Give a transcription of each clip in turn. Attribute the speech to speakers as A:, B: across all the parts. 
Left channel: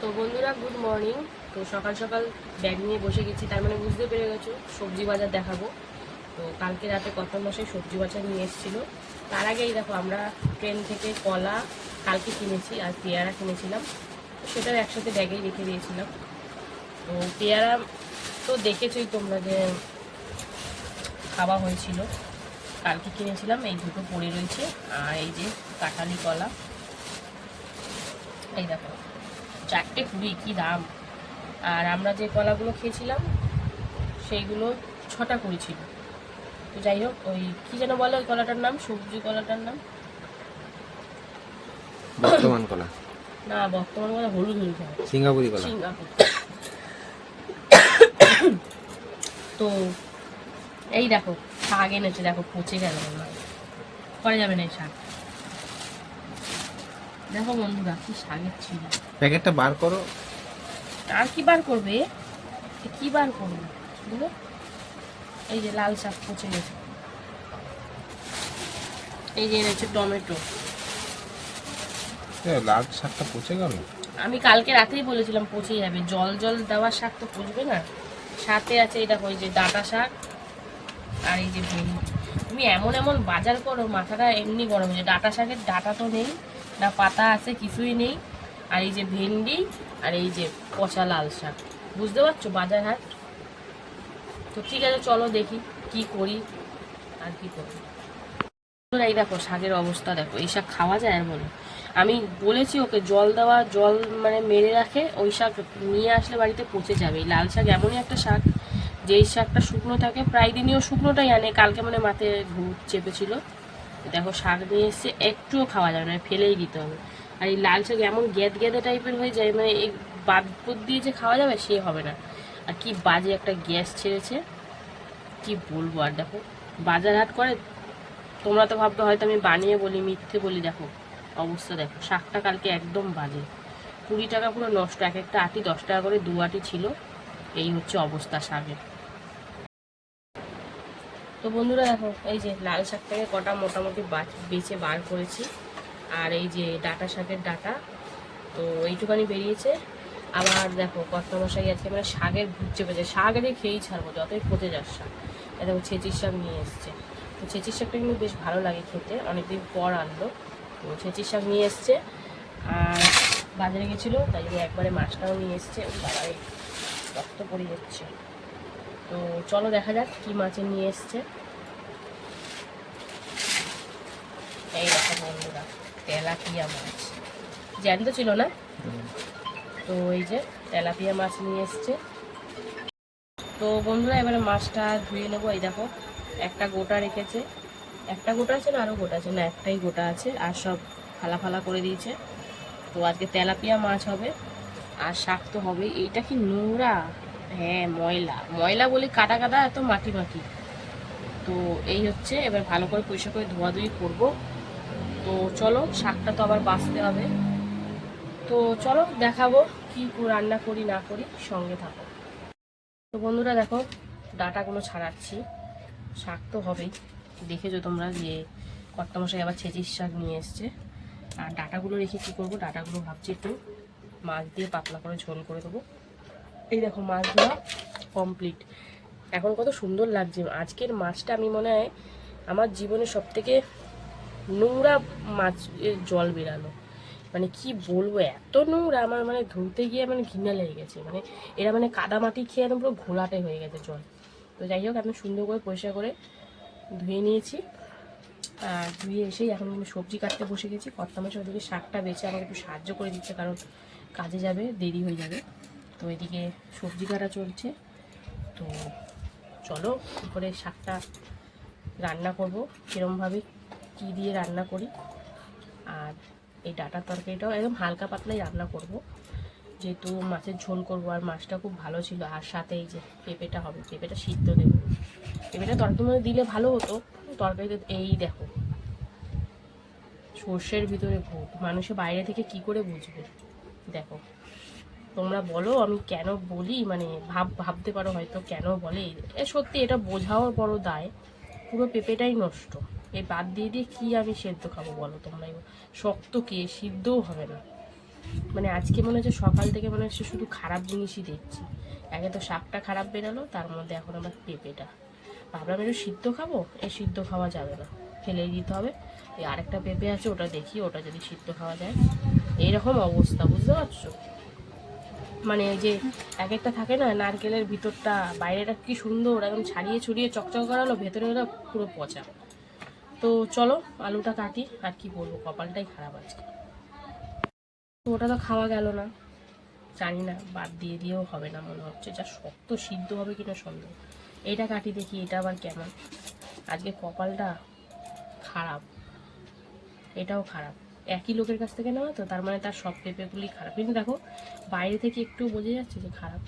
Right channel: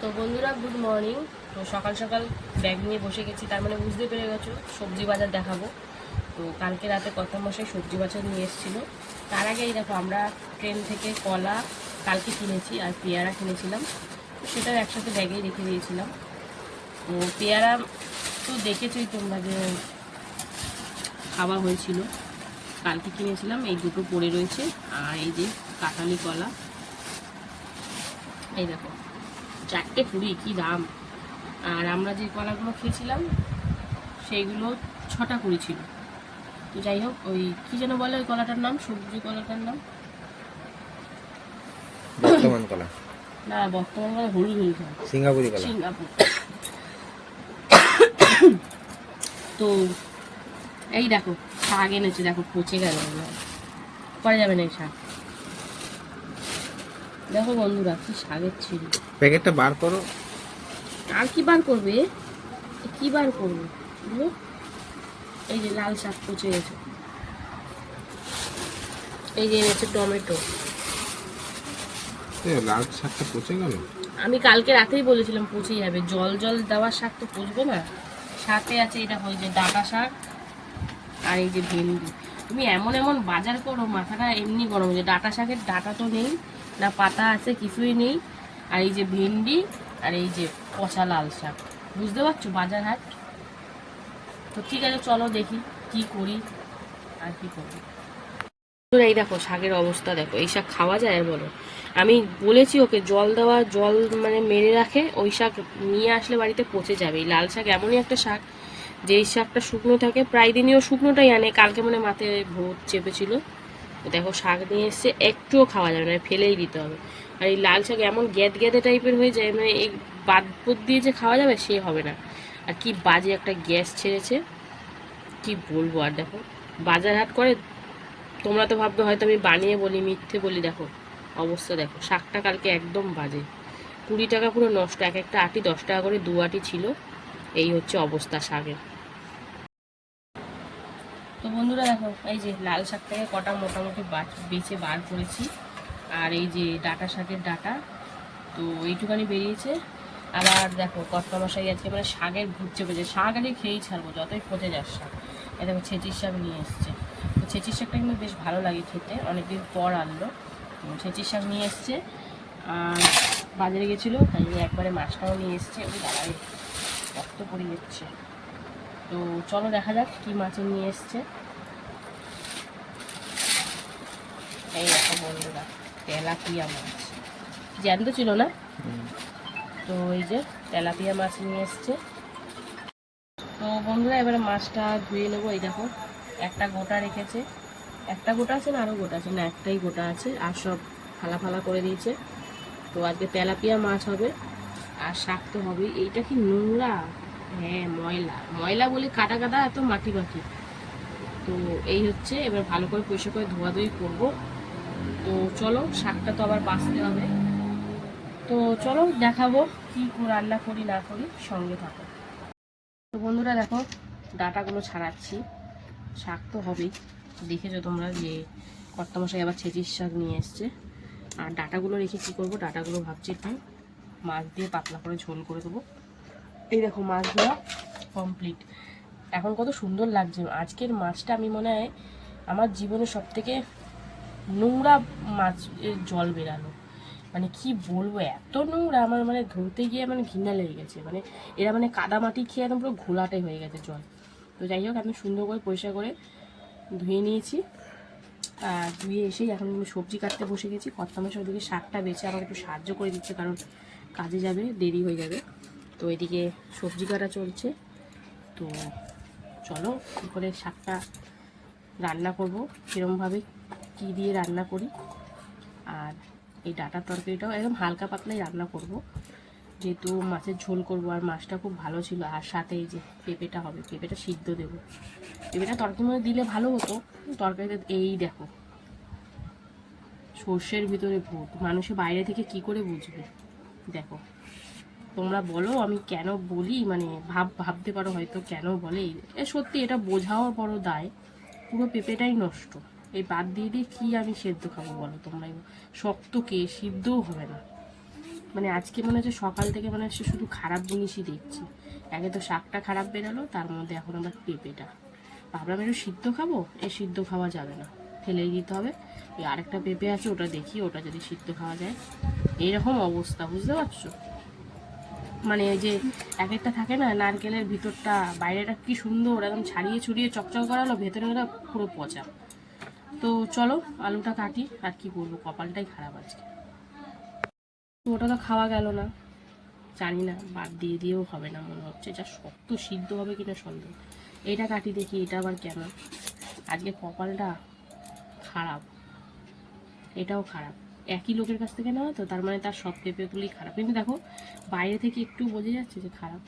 A: তো বন্ধুরা good morning তো সকাল সকাল ব্যাগ নিয়ে বসে গেছি, তার মানে বুঝতে পেরে গেছো, সবজি বাজার দেখাবো। তো কালকে রাতে কত মশাই সবজি বাজার নিয়ে এসেছিল। তার আগেই দেখো, আমরা ট্রেন থেকে কলা কালকে কিনেছি আর পেয়ারা কিনেছিলাম। তো সেটাও একসাথে ব্যাগেই রেখে দিয়েছিলাম। তো পেয়ারা তো দেখেছোই তোমরা যে খাওয়া হয়েছিল। কালকে কিনেছিলাম, এই দুটো পড়ে রয়েছে। আর এই যে কাঁঠালি কলা। এই দেখো। চারটে কুড়ি কি দাম? আর আমরা যে কলাগুলো খেয়েছিলাম সেইগুলো ছটা কুড়ি ছিল। তো যাই হোক ওই কি যেন বলে ওই কলাটার নাম? সবজি কলাটার নাম?
B: বর্তমান কলা।
A: না বর্তমানে কলা হলুদ হলুদ
B: সিঙ্গাপুরি কলা।
A: সিঙ্গাপুর। তো এই দেখো শাক এনেছে দেখো পচে গেল। করা যাবে না এই শাক। দেখো বন্ধুরা কি শাকের ছিল
B: প্যাকেটটা বার করো।
A: আর কি বার করবে? কি বার করবে? বুঝলো এই যে লাল শাক পচে গেছে। এই যে এনেছে টমেটো।
B: লাল শাকটা পচে গেল?
A: আমি কালকে রাতেই বলেছিলাম পচে যাবে। জল জল দেওয়ার শাক তো পচবে না। সাথে আছে এটা ওই যে ডাটা শাক আর এই যে ভেন্ডি। তুমি এমন এমন বাজার করো, মাথাটা এমনি গরম হয়ে ডাটা শাকের ডাটা তো নেই, না পাতা আছে, কিছুই নেই। আর এই যে ভেন্ডি, আর এই যে পচা লাল শাক। বুঝতে পারছ বাজার হাট? তো ঠিক আছে, চলো দেখি কি করি আর কি করি। এই দেখো শাকের অবস্থা দেখো, এই শাক খাওয়া যায় আর বলো। আমি বলেছি ওকে, জল দেওয়া, জল মানে মেরে রাখে, ওই শাক নিয়ে আসলে বাড়িতে পচে যাবে। লাল শাক এমনই একটা শাক যে এই শাকটা শুকনো থাকে, প্রায় দিনই ও শুকনোটাই আনে। কালকে মানে মাথায় ভূত চেপেছিল। দেখো, শাক নিয়ে এসছে একটুও খাওয়া যাবে না, ফেলেই দিতে হবে। আর এই লাল শাক এমন গ্যাদ গ্যাদে টাইপের হয়ে যায় মানে এই বাদ বুদ দিয়ে যে খাওয়া যাবে, সে হবে না। আর কি বাজে একটা গ্যাস ছেড়েছে। কি বলব আর দেখো, বাজার হাট করে, তোমরা তো ভাববে, হয়তো আমি বানিয়ে বলি, মিথ্যে বলি, দেখো, অবস্থা দেখো, শাকটা কালকে একদম বাজে। কুড়ি টাকা পুরো নষ্ট, এক একটা আটি দশ টাকা করে দু আটি ছিল, এই হচ্ছে অবস্থা শাকের। তো বন্ধুরা দেখো, এই যে লাল শাকটাকে কটা মোটামুটি বাছ- বার করেছি। আর এই যে ডাটা শাকের ডাটা, তো এইটুখানি বেরিয়েছে। আবার দেখো কটকা মশাই আজকে মানে শাকের ভূত চেপেছে। শাক আগে খেয়েই ছাড়বো, যতই পচে যাস শাক। এই দেখো, ছেঁচির শাক নিয়ে এসছে। তো ছেঁচির শাকটা কিন্তু বেশ ভালো লাগে খেতে, অনেকদিন পর আনলো। তো ছেঁচির শাক নিয়ে এসছে। আর বাজারে গেছিল, তাই জন্য একবারে মাছটাও নিয়ে এসছে। দাঁড়ায় রক্ত পড়ে যাচ্ছে তো চলো দেখা যাক কি মাছে নিয়ে এসছে। এই দেখো বন্ধুরা তেলাপিয়া মাছ। জ্যান্ত ছিল না? তো এই যে তেলাপিয়া মাছ নিয়ে এসছে। তো বন্ধুরা এবারে মাছটা ধুয়ে নেব। এই দেখো একটা গোটা রেখেছে। একটা গোটা আছে না আরও গোটা আছে? না একটাই গোটা আছে আর সব ফালা ফালা করে দিয়েছে। তো আজকে তেলাপিয়া মাছ হবে আর শাক তো হবে এইটা কি নোংরা? হ্যাঁ ময়লা। ময়লা বলে কাটা কাটা এত মাটি মাটি তো এই হচ্ছে, এবার ভালো করে পরিষ্কার করে ধোয়াধুয়ি করব। তো চলো, শাকটা তো আবার বাঁচতে হবে। তো চলো, দেখাবো কি রান্না করি, না করি, সঙ্গে থাকো। তো বন্ধুরা, দেখো, ডাটাগুলো ছাড়াচ্ছি। শাক তো হবেই। দেখেছ তোমরা যে কর্তামশাই আবার ছেঁচির শাক নিয়ে এসছে। আর ডাটাগুলো রেখে কী করব? ডাটাগুলো ভাবছি একটু মাছ দিয়ে পাতলা করে ঝোল করে দেবো। এই দেখো মাছ ধোয়া কমপ্লিট এখন কত সুন্দর লাগছে। আজকের মাছটা আমি মনে হয় আমার জীবনে সব থেকে নোংরা মাছ জল বেরানো মানে কি বলব, এত নোংরা আমার মানে ধরতে গিয়ে মানে ঘৃণা লেগে গেছে। মানে এরা মানে কাদা মাটি খেয়ে একদম পুরো ঘোলাটে হয়ে গেছে জল। তো যাই হোক, আমি সুন্দর করে পরিষ্কার করে ধুয়ে নিয়েছি। আর ধুয়ে এসেই এখন আমি সবজি কাটতে বসে গেছি। কর্তামেশ ওদিকে শাকটা বেছে আমাকে একটু সাহায্য করে দিচ্ছে, কারণ কাজে যাবে, দেরি হয়ে যাবে। তো এদিকে সবজি কাটা চলছে। তো চলো, কী করে শাকটা রান্না করব? কীরমভাবে কী দিয়ে রান্না করি? আর এই ডাটার তরকারিটাও একদম হালকা পাতলাই রান্না করব। যেহেতু মাছের ঝোল করব আর মাছটা খুব ভালো ছিল, আর সাথে এই যে পেঁপেটা হবে, পেঁপেটা সিদ্ধ দেবো। পেঁপেটা তরকারির মধ্যে দিলে ভালো হতো, তরকারিতে এই দেখো, সর্ষের ভিতরে ভূত মানুষে বাইরে থেকে কি করে বুঝবে? দেখো তোমরা বলো, আমি কেন বলি? মানে ভাব, ভাবতে পারো হয়তো কেন বলে। এ সত্যি এটা বোঝাও বড় দায়। পুরো পেঁপেটাই নষ্ট। এই বাদ দিয়ে দিয়ে কি আমি সেদ্ধ খাব বলো তোমরাই বলো। শক্ত কে, সিদ্ধও হবে না। মানে আজকে মনে হচ্ছে সকাল থেকে মনে হচ্ছে শুধু খারাপ জিনিসই দেখছি। আগে তো শাকটা খারাপ বেরালো, তার মধ্যে এখন আবার পেঁপেটা। ভাবলাম একটু সিদ্ধ খাব এই সিদ্ধ খাওয়া যাবে না। ফেলেই দিতে হবে। এই আরেকটা পেঁপে আছে, ওটা দেখি, ওটা যদি সিদ্ধ খাওয়া যায়। এইরকম অবস্থা, বুঝতে পারছ? মানে ওই যে এক একটা থাকে না, নারকেলের ভিতরটা, বাইরেটা কি সুন্দর, একদম ছাড়িয়ে ছড়িয়ে চকচক করানো ভেতরে ওটা পুরো পচা। তো চলো, আলুটা কাটি, আর কি বলব, কপালটাই খারাপ আছে ওটা তো খাওয়া গেল না। জানি না, বাদ দিয়ে দিয়েও হবে না, মনে হচ্ছে। যা শক্ত, সিদ্ধ হবে কিনা সন্দেহ। এটা কাটি দেখি, এটা আবার কেমন? আজকে কপালটা খারাপ। এটাও খারাপ। একই লোকের কাছ থেকে নেওয়া, তো তার মানে তার সব পেঁপেগুলি খারাপ। কিন্তু দেখো, বাইরে থেকে একটু বোঝা যাচ্ছে যে খারাপ।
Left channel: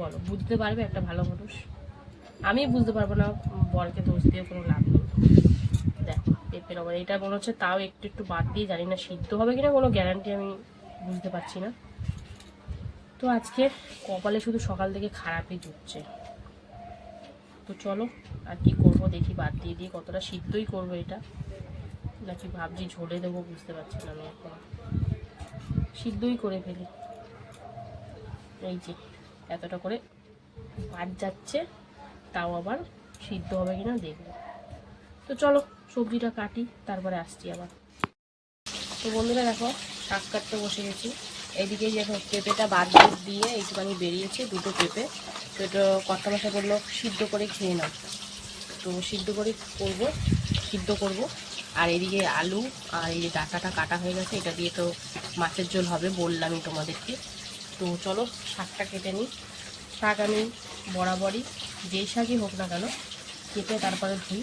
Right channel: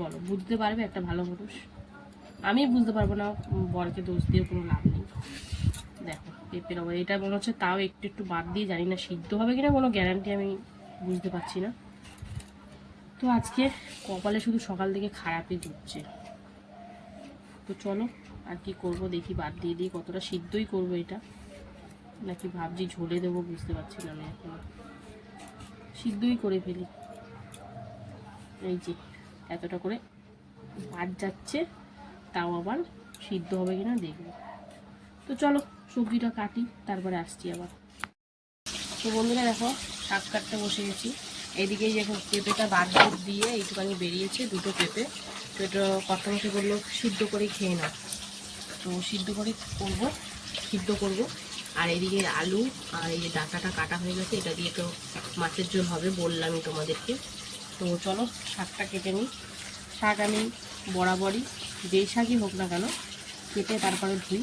A: বলো, বুঝতে পারবে একটা ভালো মানুষ। আমি বুঝতে পারব না বরকে দোষ দিয়ে কোনো লাভ নেই। দেখো, পেঁপের আবার এটা মনে হচ্ছে তাও একটু একটু বাদ দিয়ে জানি না সিদ্ধ হবে কিনা, কোনো গ্যারান্টি আমি বুঝতে পারছি না। তো আজকে কপালে শুধু সকাল থেকে খারাপই জুটছে তো চলো, আর কি করব দেখি, বাদ দিয়ে দিয়ে কতটা সিদ্ধই করব এটা। নাকি ভাবছি ঝোলে দেবো বুঝতে পারছি না আমি এখন। সিদ্ধই করে ফেলি। এই যে, এতটা করে ভাত যাচ্ছে, তাও আবার সিদ্ধ হবে কিনা দেখব। তো চলো, সবজিটা কাটি, তারপরে আসছি আবার। তো বন্ধুরা দেখো, শাক কাটতে বসে গেছি। এদিকে দেখো, পেঁপেটা বাদ দিয়ে একটুখানি বেরিয়েছে দুটো পেঁপে। তো এটা কর্তা মশা বলল, সিদ্ধ করে খেয়ে নাও। তো সিদ্ধ করে করব, সিদ্ধ করব। আর এদিকে আলু আর এই যে ডাটাটা কাটা হয়ে গেছে, এটা দিয়ে তো মাছের ঝোল হবে বললামই তোমাদেরকে। তো চলো, শাকটা কেটে নিই। শাক আমি বরাবরই যেই শাকই হোক না কেন কেটে তারপরে ধুই।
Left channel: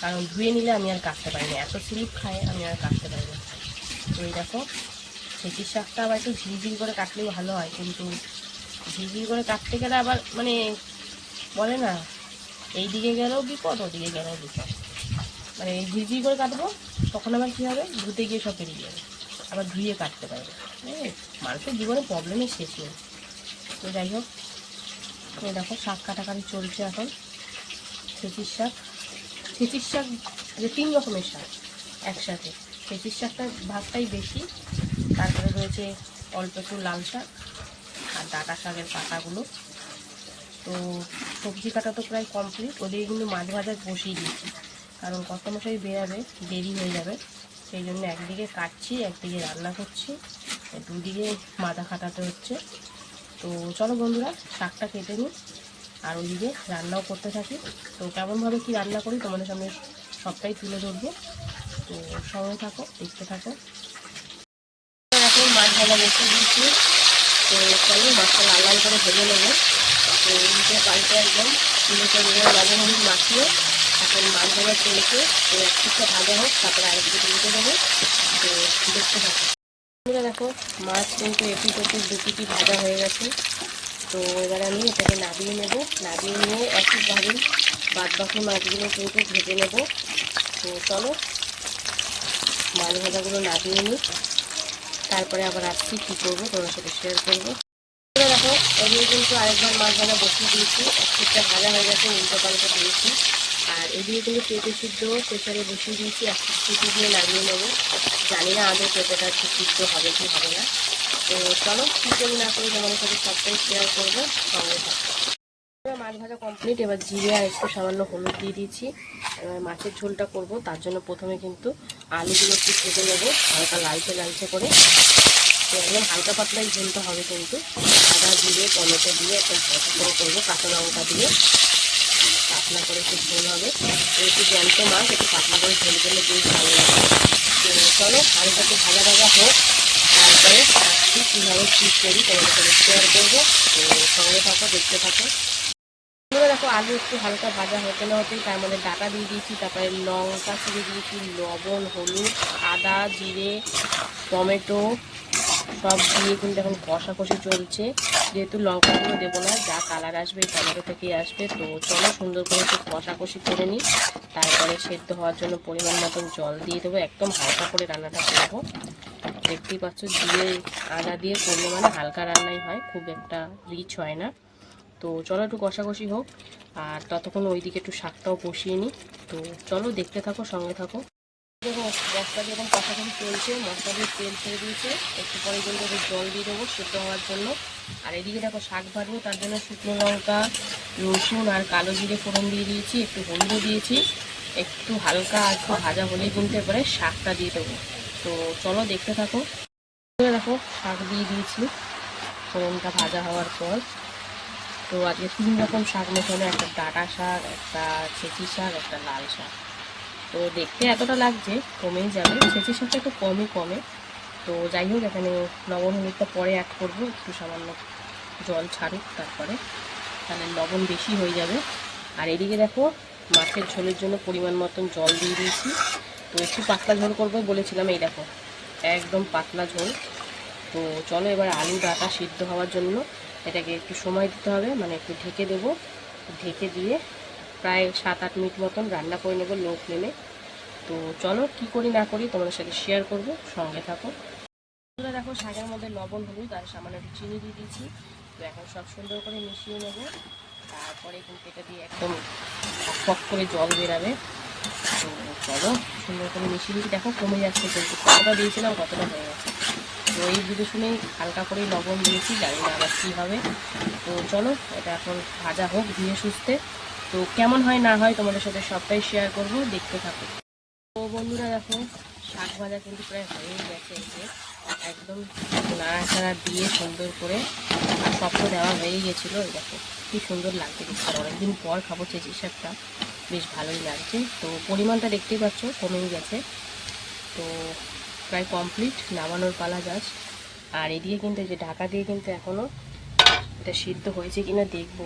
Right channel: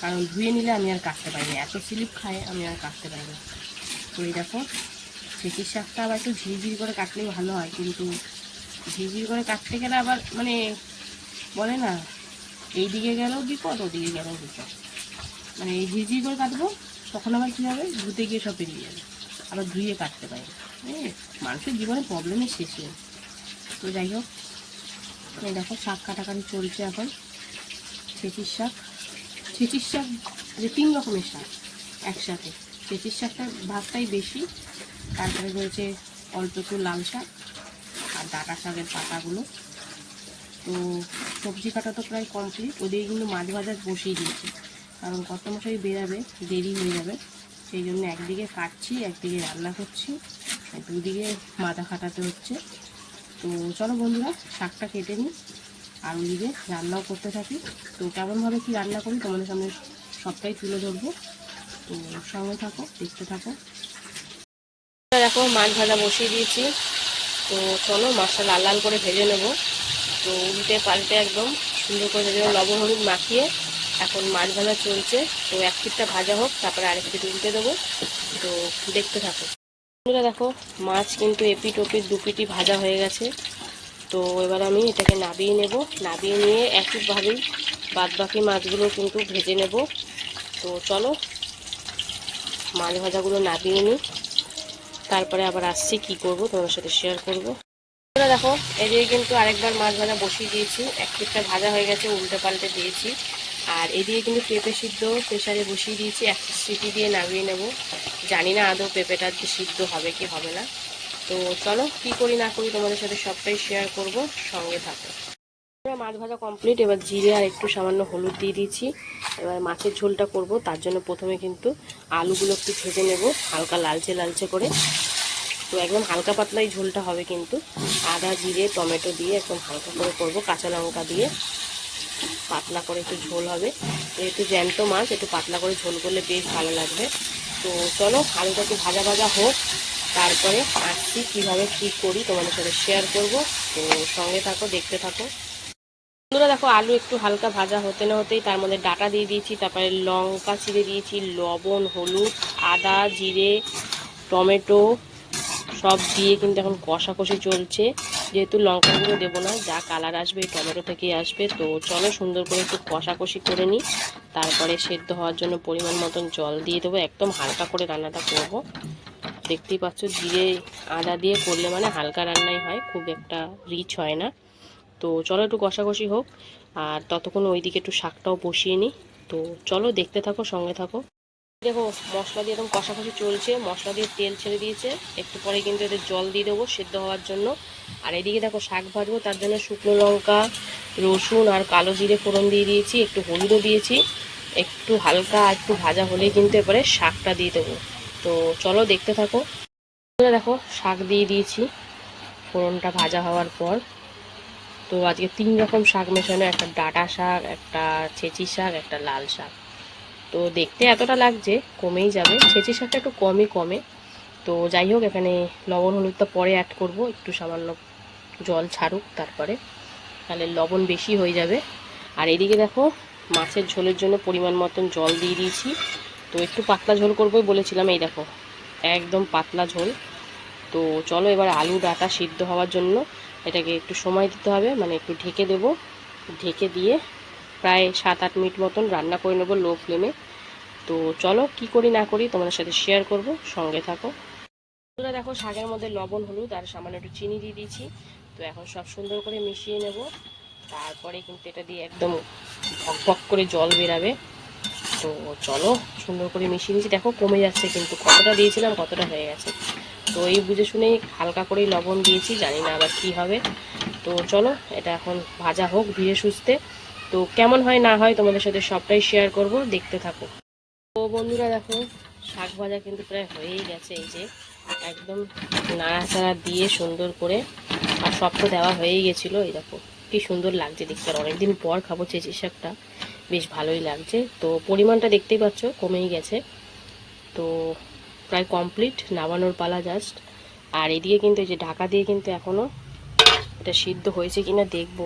A: কারণ ধুয়ে নিলে আমি আর কাটতে পারি না। এত স্লিপ খায়, আমি আর কাটতে পারি না। তো এই দেখো সেটির শাকটা আবার একটু ঝিরিঝিরি করে কাটলে ভালো হয়। কিন্তু ঝিরিঝিরি করে কাটতে গেলে আবার মানে বলে না এই দিকে গেলেও বিপদ, ওদিকে গেলেও বিপদ। মানে ঝিরিঝিরি করে কাটবো, তখন আবার কী হবে? ধুতে গিয়ে সব বেরিয়ে যাবে। আবার ধুয়ে কাটতে পারবে। হ্যাঁ মানুষের জীবনে প্রবলেমের শেষ নেই। তো যাই হোক দেখো, শাক কাটাকাটি চলছে এখন। ছেঁচির শাক। ছেঁচির শাক, যে তিন রকমের শাক একসাথে। ছেঁচির শাকটার ভাগটাই বেশি, তারপরে রয়েছে অল্প একটু লাল শাক আর ডাটা শাকের পাতাগুলো। তো সবজি কাটা তো প্রায় কমপ্লিট ওদিকে কিন্তু মাছ ভাজা বসিয়ে দিয়েছি। কারণ কত মশাই বেরাবে, দেরি হয়ে যাবে। সেই জন্য একদিকে কাটছি, একদিকে রান্না করছি। দুদিকে মাথা খাটাতে হচ্ছে। তো চলো বন্ধুরা, শাকটা কেটে নিই। আর ওইদিকে রান্নাও করতে থাকি। তো কেমনভাবে কি রান্না করি তোমাদের সামনে সবটাই তুলে ধরবো। তো সঙ্গে থাকো, দেখতে থাকো। দেখো, মাছ ভাজা বসিয়ে দিয়েছি। তো চলো মাছটা লাল লাল করে ভেজে নেব। তো উল্টে পাল্টে একদম সুন্দর করে লবণ, হলুদ মাখিয়ে এখন মাছ ভাজা চলছে। তো এক পিঠটা ভাজা হোক, তারপরে আরেক পিঠ উল্টে দেবো। তো দেখতে থাকো। বন্ধুরা দেখো, মাছ কিন্তু এপিট ওপিট দু পিটি ভাজা হয়ে গেছে। তো এবার আমি এটাকে নাবিয়ে নেব। নাবিয়ে নিয়ে একইভাবেই বাদ বাকি মাছগুলো কিন্তু ভেজে নেব। তো চলো, মাছ ভাজাগুলো নাবিয়ে নিই। তারপরে আবার আসছি কি করব তোমার সাথে শেয়ার করব। দেখো, এদিকে কিন্তু আরেকবার মাছ ভাজা বসিয়ে দিয়েছি। এক পিঠটা ভাজা হয়ে গেছে, উল্টে পাল্টে দিয়েছি। আর এদিকে কিন্তু পেঁপে সিদ্ধ প্রেশারে বসিয়ে দিয়েছি, এক সিটি দিয়ে নামিয়ে নেব। জানি না আদৌ পেঁপেটা একটু সিদ্ধ হবে কি হবে না। তো চলো, কী করি না করি তোমাদের সাথে সবটাই শেয়ার করব, সঙ্গে থাকো। এবার মাছ ভাজা কমপ্লিট এবার জিরে আর একটু সামান্য হলুদ দিয়ে দিয়েছি। এবার মাছের ঝোলটা করব, তার জন্য প্রথমে কিন্তু আলুগুলো একটু ভেজে নেব, হালকা লালচে লালচে করে। তো একদম হালকা পাতলাই ঝোলটা হবে কিন্তু। আদা, জিরে, টমেটো দিয়ে একদম হালকা করে করব, কাঁচা লঙ্কা দিয়ে। পাতলা করে একটু ঝোল হবে। তো একটু জ্যান্ত মাছ, একটু পাতলা করে ঝোল করলে বেশ ভালো লাগবে তো চলো, আলুটাকে ভাজা ভাজা হোক, তারপরে আসছি কীভাবে কী করি, তোমাদের সাথে শেয়ার করব। তো সঙ্গে থাকো, দেখতে থাকো। বন্ধুরা দেখো, আলু একটু হালকা ভাজা হতে না হতেই তার মধ্যে ডাটা দিয়ে দিয়েছি, তারপরে লঙ্কা ছিঁড়ে দিয়েছি, লবণ, হলুদ, আদা, জিরে, টমেটো, সব দিয়ে কিন্তু এখন কষাকষি চলছে। যেহেতু লঙ্কাগুলো দেবো না, যা কালার আসবে, এই টমেটো থেকেই আসবে। তো চলো সুন্দর করে একটু কষাকষি করে নিই। তারপরে সেদ্ধ হওয়ার জন্য পরিমাণ মতন জল দিয়ে দেবো, একদম হালকা করে রান্নাটা করব। দেখতেই পাচ্ছ, দিয়ে আদা দিয়ে করলে মানে হালকা রান্নাই হয়, খুব একটা রিচ হয় না। তো চলো একটু কষাকষি হোক, আর ততক্ষণ ওইদিকে একটু শাকটাও বসিয়ে নিই। তো চলো দেখতে থাকো, সঙ্গে থাকো। দেখো, মশলা দিয়ে এখন কষাকষি চলছে। মশলা দিয়ে তেল ছেড়ে দিয়েছে। একটু পরে কিন্তু এদের জল দিয়ে দেবো সেদ্ধ হওয়ার জন্য। আর এদিকে দেখো, শাক ভাজবো, তার জন্য শুকনো লঙ্কা, রসুন আর কালো জিরে ফোড়ন দিয়ে দিয়েছি, একটু হলুদও দিয়েছি। একটু হালকা একটু ভাজা হলেই কিন্তু এবারে শাকটা দিয়ে দেবো। তো চলো দেখতে থাকো। দেখো, শাক দিয়ে দিয়েছি। ফোড়নটা ভাজা হওয়ার পর। তো আজকে তিন রকম শাক মেশানো, একটা ডাটা শাক, একটা ছেঁচি শাক, একটা লাল শাক। তো দেখতে এতটা লাগছে, কমেই যাবে। ছেঁচি শাকটা একটু কমই কমে। তো যাই হোক, এখানে লবণ, হলুদটা পরে অ্যাড করব। একটু সামান্য জল ছাড়ুক তারপরে। তাহলে লবণ বেশি হয়ে যাবে। আর এদিকে দেখো, মাছের ঝোলের জন্য পরিমাণ মতন জল দিয়ে দিয়েছি। তো একটু পাতলা ঝোল করবোই বলেছিলাম, এই দেখো, একদম পাতলা ঝোল। তো চলো এবার আলু ডাটা সিদ্ধ হওয়ার জন্য এটাকে একটু সময় দিতে হবে মানে একটু ঢেকে দেব। ঢেকে দিয়ে প্রায় সাত আট মিনিট মতন রান্না করে নেব লো ফ্লেমে তো চলো, কি করি না করি তোমাদের সাথে শেয়ার করব, সঙ্গে থাকো। দেখো, শাকের মধ্যে লবণ, হলুদ আর সামান্য একটু চিনি দিয়ে দিয়েছি। তো এখন সব সুন্দর করে মিশিয়ে নেব। তারপরে কিন্তু এটা দিয়ে একদম ফক করে জল বেরাবে। তো চলো, সুন্দর করে মিশিয়ে দিয়েছি দেখো, কমে যাচ্ছে কিন্তু। কতটা দিয়েছিলাম, কতটা হয়ে গেছে। তো এই বুঝে শুনেই হালকা করেই লবণ দিয়েছি, জানি না আবার কী হবে। তো চলো, এটা এখন ভাজা হোক ধীরে সুস্থে। তো কেমন হয়, না হয় তোমাদের সাথে সবটাই শেয়ার করব, দেখতে থাকো। তো বন্ধুরা দেখো, শাক ভাজা কিন্তু প্রায় হয়েই গেছে এই যে, একদম নাড়াচাড়া দিয়ে সুন্দর করে আর সব তো দেওয়া হয়েই গেছিল, এই দেখো, কি সুন্দর লাগছে দেখতে। অনেকদিন পর খাব চেঁচি শাকটা, বেশ ভালোই লাগছে। তো পরিমাণটা দেখতেই পাচ্ছ, কমেই গেছে। তো প্রায় কমপ্লিট নামানোর পালা জাস্ট আর এদিকে কিন্তু এই যে ঢাকা দিয়ে কিন্তু এখনও এটা সিদ্ধ হয়েছে কিনা দেখব।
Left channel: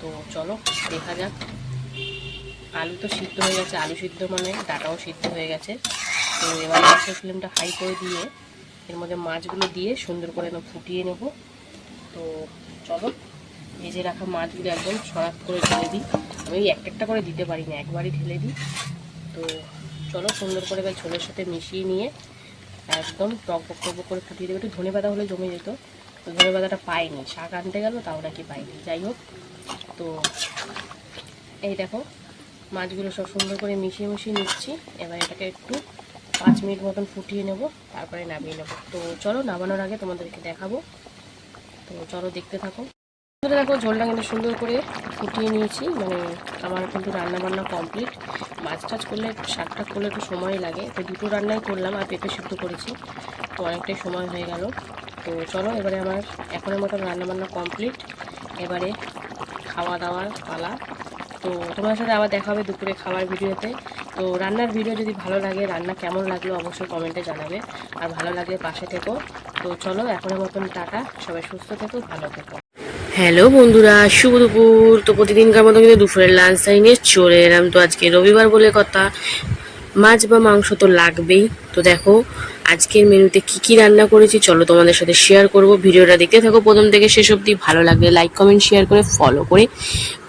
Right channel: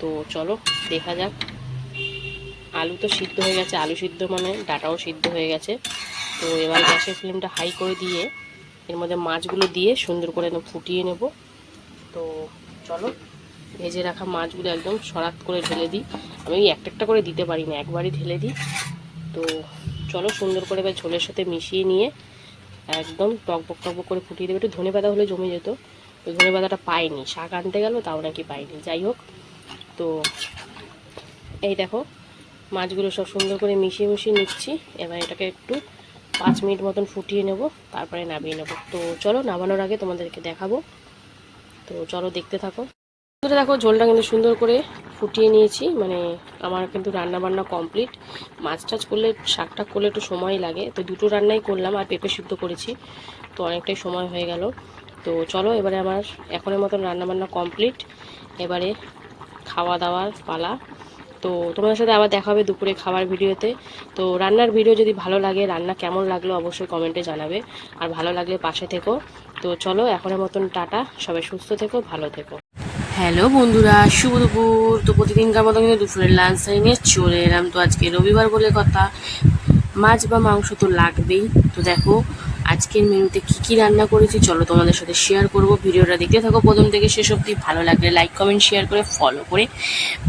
A: তো চলো, দেখা যাক। আলু তো সিদ্ধ হয়ে গেছে, আলু সিদ্ধ মানে ডাটাও সিদ্ধ হয়ে গেছে। তো এবার গ্যাসের ফ্লেমটা হাই করে দিয়ে এর মধ্যে মাছগুলো দিয়ে সুন্দর করে ফুটিয়ে নেব। তো চলো, ভেজে রাখা মাছগুলো একদম সরাত করে ঢেলে দিই। আমি একটা একটা করে দিতে পারি না, একবারই ঢেলে দিই। তো চলো, সুন্দর করে এবার ঝোলের সাথে মিশিয়ে নিয়ে একদম টকবক টকবক করে ফুটিয়ে দেবো। একটু ধনে পাতা হলে জমে যেত, তো ধনে পাতাটা পাইনি, শাক আনতে গেল, তাও নাকি পাইনি। যাই হোক তো এই দেখো, মাছগুলো সব সুন্দর করে মিশিয়ে মিশিয়ে নিচ্ছি। এবার এটাকে একটু পাঁচ মিনিট মতন ফুটিয়ে নেব, তারপরে নামিয়ে নেব। তো চলো নামানোর আগে তোমাদেরকে দেখাবো। তো চলো দেখতে থাকো। দেখো, ঝোলটা কিন্তু সুন্দর করে ফুটিয়ে নিয়েছি। মানে আমার কিন্তু রান্না বান্না কমপ্লিট। মাছ টাছ করলে, শাক টাক করলে একটু সময় লাগে। তো দুটো রান্নাই করলাম আর পেঁপে সিদ্ধ করেছি। তো অনেকটাই সময় হয়ে গেল। তো চলো, এবারে আমার এখনের মতন রান্না বান্না কমপ্লিট। এবারে খাওয়া দাওয়ার পালা। তো তোমাদের সাথে আবার দেখা হবে দুপুরে খাবার ভিডিওতে। তো রান্নার ভিডিও যদি ভালো লাগে, রান্না কেমন লাগল অবশ্যই কমেন্টে জানাবে। আর ভালো লাগলে পাশে থেকো। তো চলো, এখনের মতন টাটা। সবাই সুস্থ থেকো, ভালো থেকো। হ্যালো বন্ধুরা, শুভ দুপুর। তো প্রতিদিনকার মতো কিন্তু দুপুরের লাঞ্চ টাইম নিয়ে চলে এলাম। তো আজকে রবিবার বলে কথা। মাছ বা মাংস তো লাগবেই। তো দেখো আজকের মেনুতে কি কি রান্না করেছি, চলো তোমাদের সাথে শেয়ার করব। ভিডিওটা দেখতে থাকো প্রথম থেকে শেষ অবধি, ভালো লাগলে লাইক কমেন্ট শেয়ার করে ফলো করে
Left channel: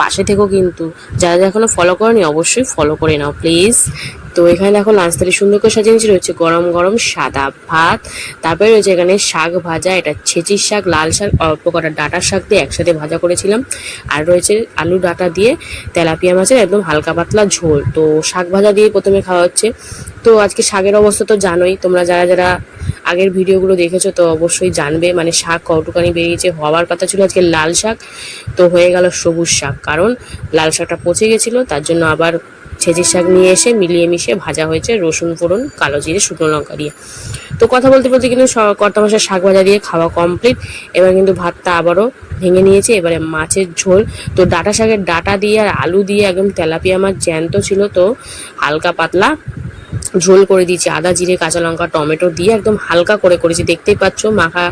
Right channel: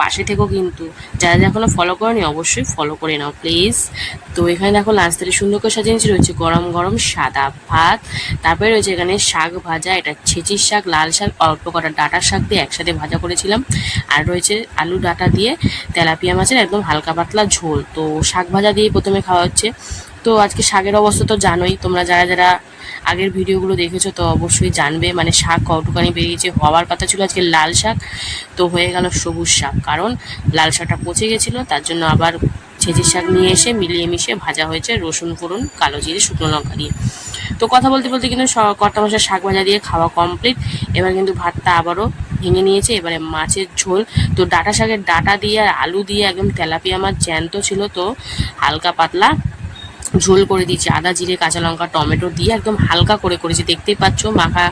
A: পাশে থেকো কিন্তু। যারা যারা এখনও ফলো করনি, অবশ্যই ফলো করে নাও প্লিজ তো এখানে দেখো লাঞ্চ সুন্দর করে সাজিয়ে নিয়েছি, রয়েছে গরম গরম সাদা ভাত। তারপরে রয়েছে এখানে শাক ভাজা, এটা ছেচির শাক, লাল শাক, অল্প কটা ডাটার শাক দিয়ে একসাথে ভাজা করেছিলাম। আর রয়েছে আলু ডাটা দিয়ে তেলাপিয়া মাছের একদম হালকা পাতলা ঝোল। তো শাক ভাজা দিয়ে প্রথমে খাওয়া হচ্ছে। তো আজকে শাকের অবস্থা তো জানোই, তোমরা যারা যারা আগের ভিডিওগুলো দেখেছ তো অবশ্যই জানবে মানে শাক কটুকানি বেরিয়েছে, হওয়ার কথা ছিল আজকে লাল শাক, তো হয়ে গেল সবুজ শাক, কারণ লাল শাকটা পচে গেছিল, তার জন্য আবার ছেঁচির শাক নিয়ে এসে মিলিয়ে মিশিয়ে ভাজা হয়েছে রসুন, ফোড়ন, কালো জিরে, শুকনো লঙ্কা দিয়ে। তো কথা বলতে বলতে কিন্তু স- কর্তা মাসের শাক ভাজা দিয়ে খাওয়া কমপ্লিট এবার কিন্তু ভাতটা আবারও ভেঙে নিয়েছে, এবারে মাছের ঝোল। তো ডাটা শাকের ডাটা দিয়ে আর আলু দিয়ে একদম তেলাপিয়া মাছ জ্যান্ত ছিল তো, হালকা পাতলা ঝোল করে দিয়েছি, আদা, জিরে, কাঁচা লঙ্কা, টমেটো দিয়ে একদম হালকা করে করেছি। দেখতেই পাচ্ছ মাখা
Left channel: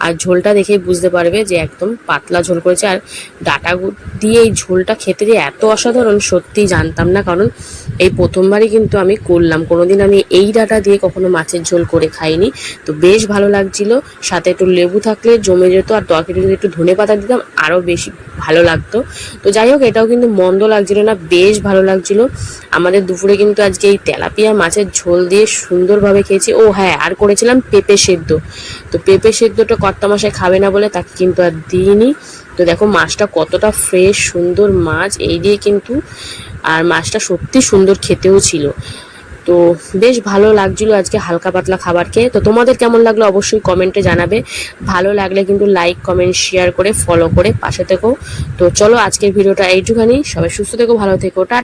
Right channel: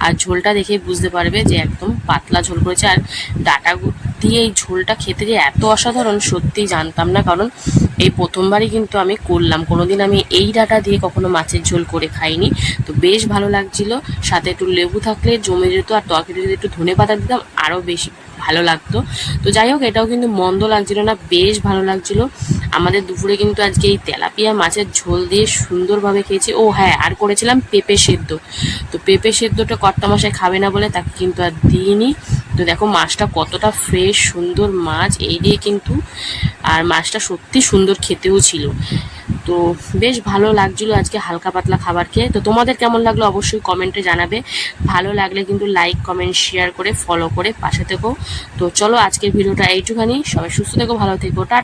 A: আর ঝোলটা দেখেই বুঝতে পারবে যে একদম পাতলা ঝোল করেছে। আর ডাটা দিয়ে এই ঝোলটা খেতে যে এত অসাধারণ, সত্যিই জানতাম না। কারণ এই প্রথমবারই কিন্তু আমি করলাম। কোনোদিন আমি এই ডাটা দিয়ে কখনো মাছের ঝোল করে খাইনি। তো বেশ ভালো লাগছিল। সাথে একটু লেবু থাকলে জমে যেত। আর তরকারি যদি একটু ধনে পাতা দিতাম, আরও বেশি ভালো লাগতো। তো যাই হোক, এটাও কিন্তু মন্দ লাগছিল না, বেশ ভালো লাগছিল। আমাদের দুপুরে কিন্তু আজকে এই তেলাপিয়া মাছের ঝোল দিয়ে সুন্দরভাবে খেয়েছি। ও হ্যাঁ আর করেছিলাম পেঁপে সেদ্ধ। তো পেঁপে সেদ্ধটা কর্তা মশাই খাবে না বলে তাকে কিন্তু আর দিইনি। তো দেখো, মাছটা কতটা ফ্রেশ সুন্দর মাছ, এই দিয়ে কিন্তু, আর মাছটা সত্যি সুন্দর খেতেও ছিল। তো বেশ ভালো লাগছিল আজকে হালকা পাতলা খাবার খেয়ে। তো তোমাদের কেমন লাগল অবশ্যই কমেন্টে জানাবে। ভালো লাগলে কিন্তু লাইক কমেন্ট শেয়ার করে ফলো করে পাশে থেকো। তো চলো আজকের ভিডিওটা এইটুখানি। সবাই সুস্থ থেকো, ভালো থেকো, টা